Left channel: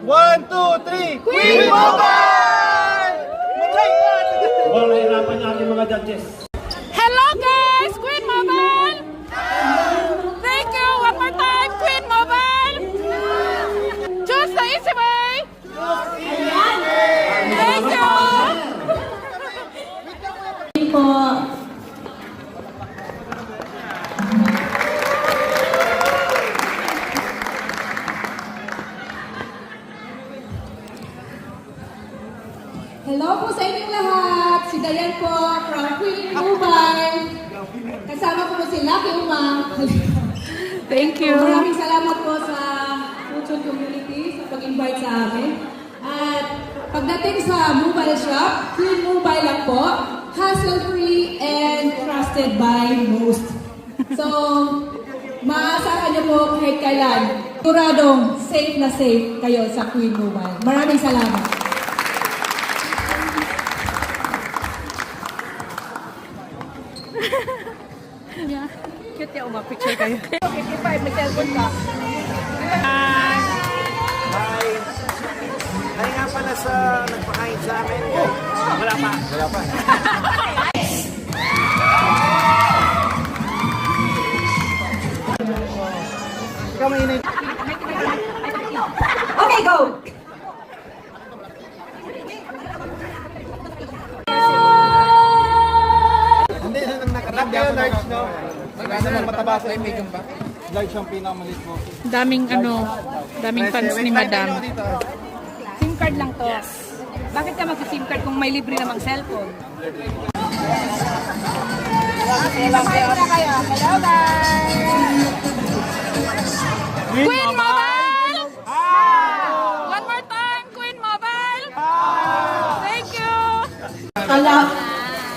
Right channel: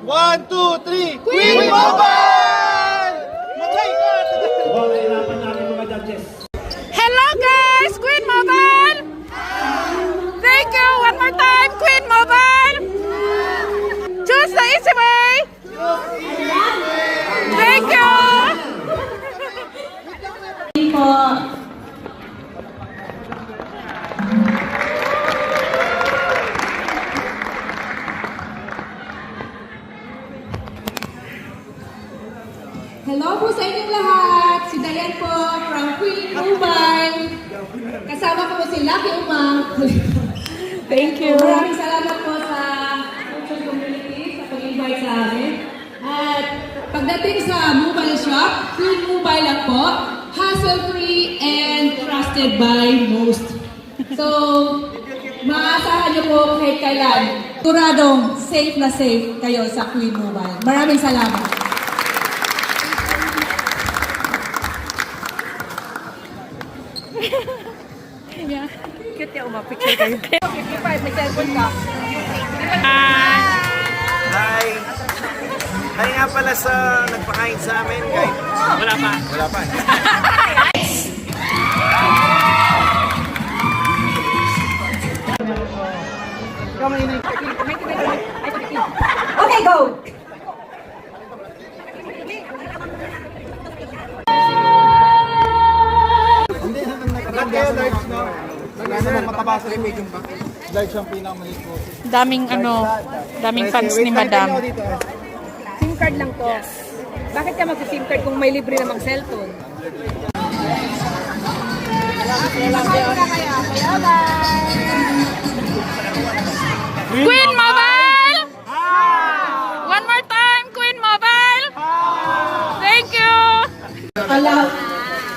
1, 2, 3, Queen Mobile! Mahirapan natin mga judges. Hello guys, Queen Mobile. Thank you. One more time, Queen Mobile. Choose the easy way. Thank you. Hello po sa inyong lahat. Si Dayan po from Queen Mobile. Kasama ko po si Lucky Umang. Thank you. Maraming salamat po sa Fortune Community sa pag-invite sa amin. At pagdating sa mobile shop, Queen Mobile lang po, hassle-free and trusted by most. So, maasahan niyo po kahit kailan. Siguradong safe na safe kayo sa Queen Mobile. Maraming salamat. Yeah. Cute yung picture kayo. 55, may cellphone ka. Hi. Hi! Hi nga pala sa nagpakain sa amin, guys. Wala pa. Wala pa. Okay, go! Lahat kayo, large, no? Nagkano lang mataba sa medium ba? Large yung pinamaliit mo. Daming fans ni Madam. SIM card lang to. Bakit ka mag-SIM card kung may libre namang cellphone? Queen Mobile. One more time, Queen Mobile. Thank you.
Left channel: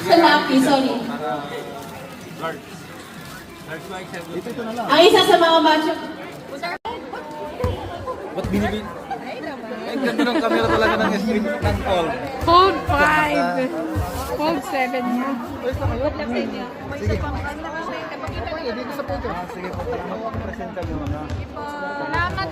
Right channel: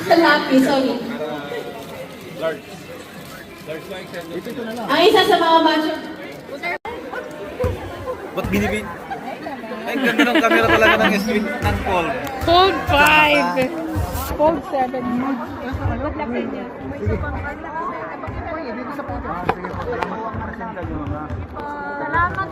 Sa Lucky, sorry. Ang isa sa mga match. Ba't binibig? Ay, ganda ng camera talaga ng screen ng call. Fold 5. Fold 7. Sige po, salamat. Presenta nyo mga. Salamat